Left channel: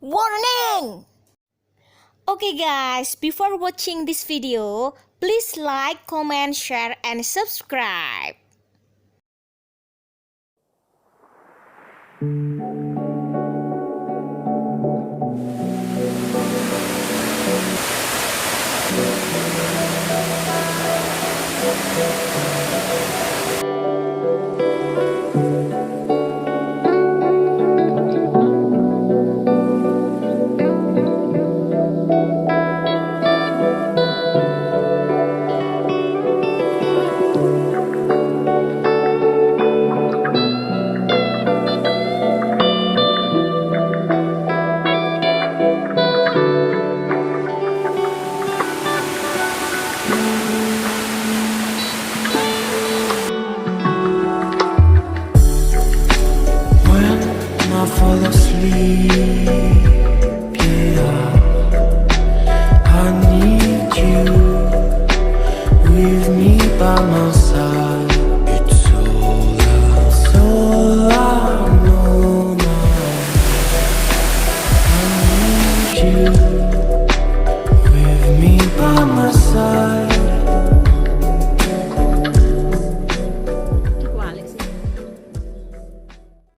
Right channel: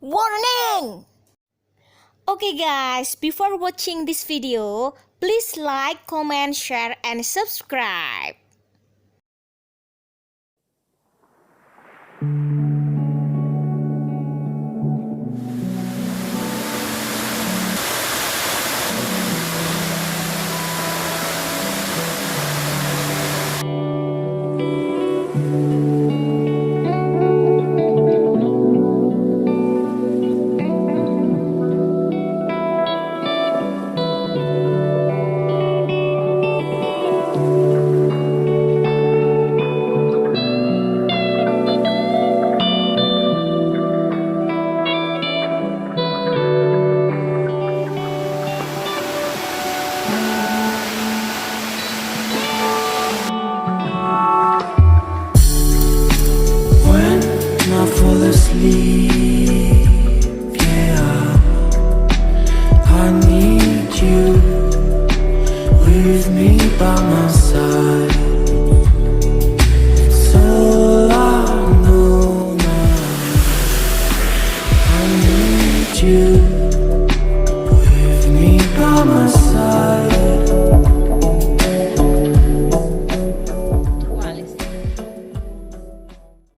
Warning! Okay guys, before watching this video, please like, comment, share, and subscribe. I fall asleep, yeah, I need you with me by my side.